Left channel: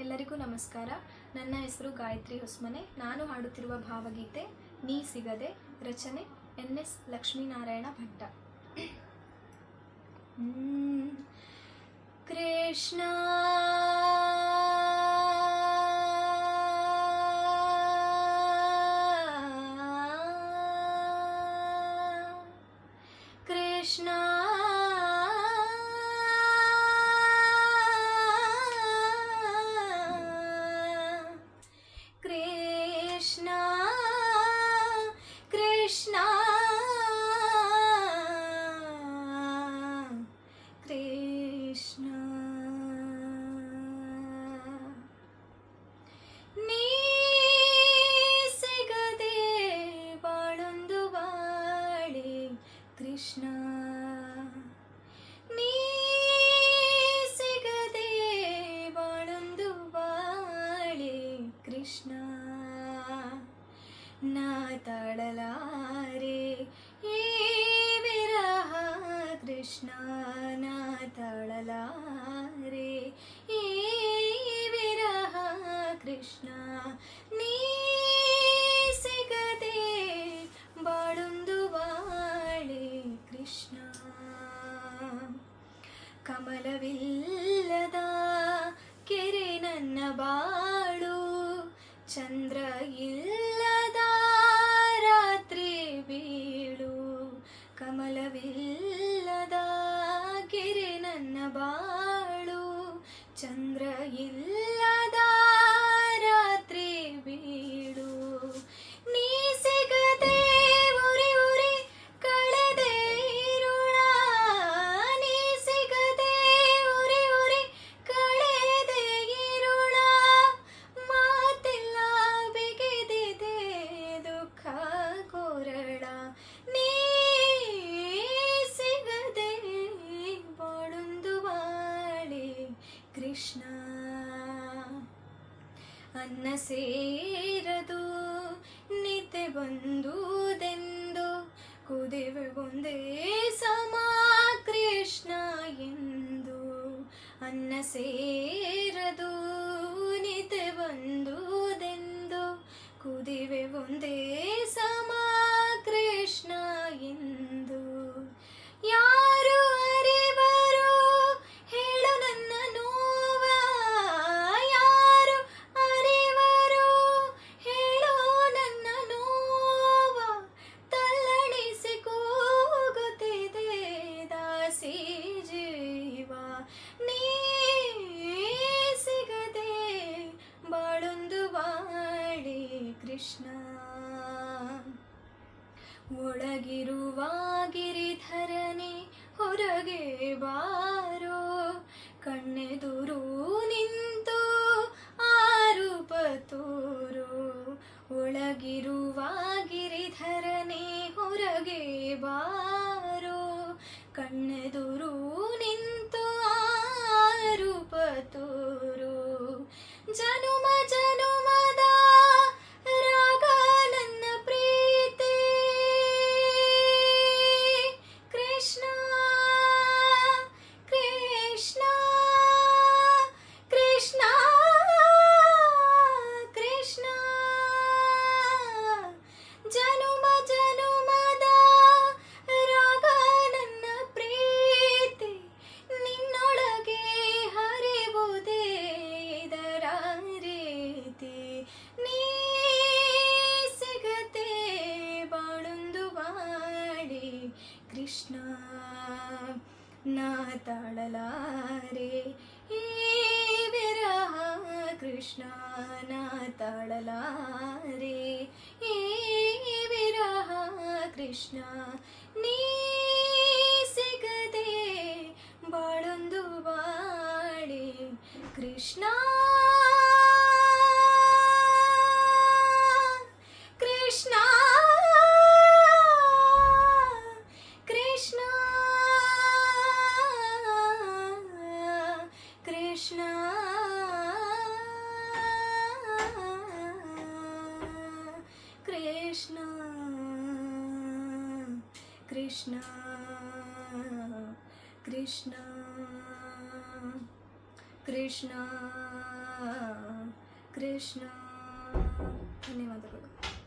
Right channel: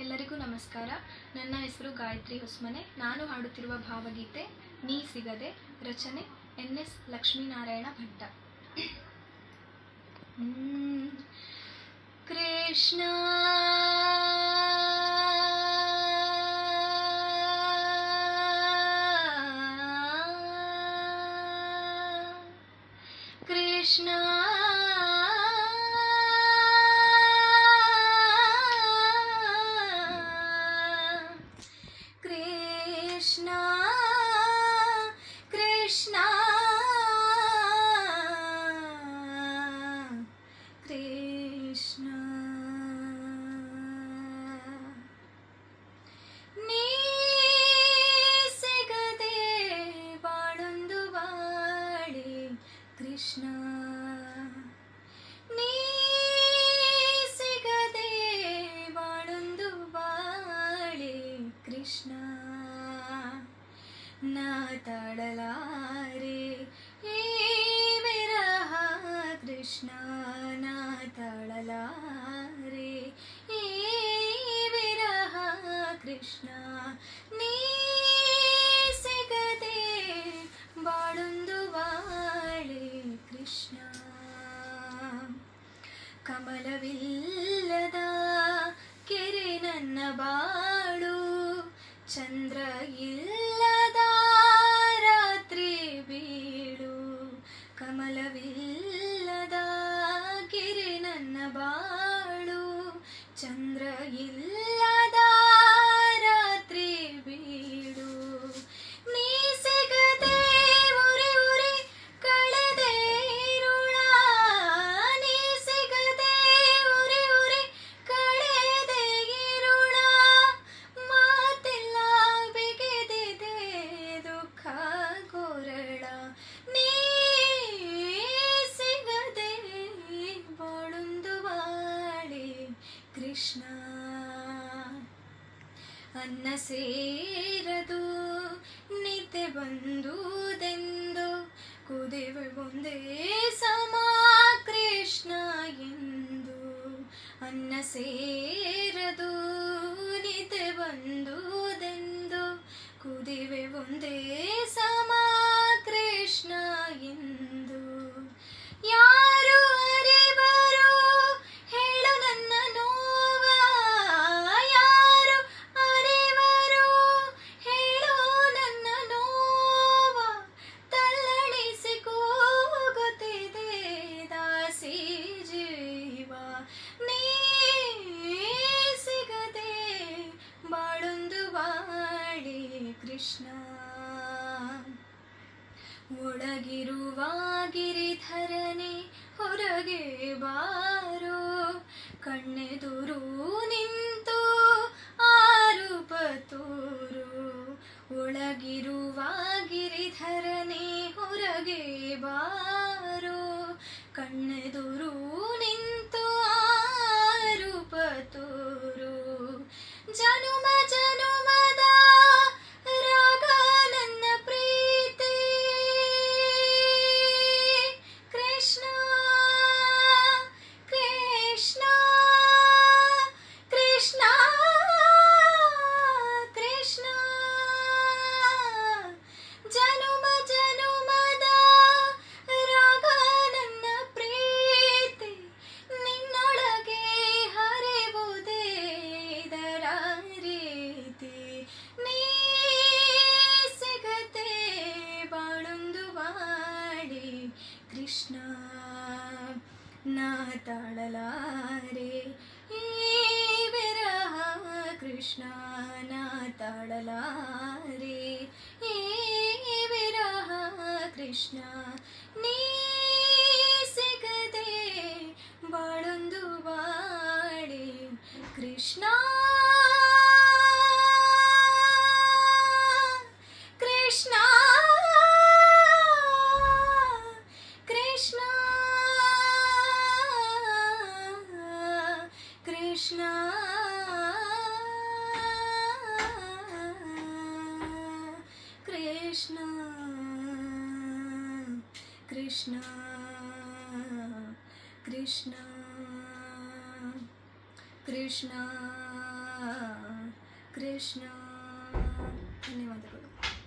ಎಲ್ಲರಿಗೂ ನಮಸ್ಕಾರ. ನನ್ನ ಹೆಸರು ಗಾಯತ್ರಿ ಹೊಸ್ಮನೆ. ನಾನು ಹಾಡುತ್ತಿರುವ ಭಾವಗೀತೆ, ನೀ ಸಿಗದೆ, ರಚನೆ, ಎನ್ ಎಸ್ ಲಕ್ಷ್ಮೀನಾರಾಯಣ ಭಟ್ಟ. ಕೃಷ್ಣ. ಕೃಷ್ಣ. रे हे मेरा कृष्ण ना तळला रे हे मेरा कृष्ण ನೀ ಸಿಗದೆ ಬಾಳೊಂದು ಬಾಳೆ ಕೃಷ್ಣ ಕಮಲವಿಲ್ಲದ ಕೆರೆ ನನ್ನ ಬಾಳು ಚಂದ ಇಲ್ಲದ ರಾತ್ರಿ ಬೀಡು. ನೀ ಸಿಗದೆ ಉರಿ ಉರಿ ಕಳೆದೆ ಇರುಳ. ನೀ ಸಿಗದೆ ಉರಿ ಉರಿ ಕಳೆದೆ ಇರುಳ. ಮಾತಿಲ್ಲ ಬಿಗಿದಿದೆ ದುಃಖ ಕೊರಳ. ನೀ ಸಿಗದೆ ಬಾಳೊಂದು ಬಾಳೆ ಕೃಷ್ಣ. ಅನ್ನ ಸೇರದು ನಿದ್ದೆ ಬಂದುದೆಂದು. ಕುದಿವೆ ಒಂದೇ ಸಮ ಕೃಷ್ಣ ಎಂದು ಅನ್ನ ಸೇರದು ಒಳಗಿರುವ ಗಿರಿಧರನೆ ಹೊರಗೆ ಬಾರೋ. ಕಣ್ಣೆದುರು ನಿಂತು ಆರೂಪ ತೋರು ಒಳಗಿರುವ ಗಿರಿಧರನೆ ಹೊರಗೆ ಬಾರೋ. ಕಣ್ಣೆದುರು ಕೃಷ್ಣ ನಾ ತಾಳಲಾರೆ ಈ ವಿರಹ ಕೃಷ್ಣ ನಾ ತಾಳಲಾರೆ ಈ ವಿರಹ ಕೃಷ್ಣ ನೀ ಸಿಗದೆ ಬಾಳೊಂದು ಬಾಳೆ ಕೃಷ್ಣ ಕೃಷ್ಣ కృష్ణ కృష్ణ కృష్ణ కృష్ణ. ధన్యవాదాలు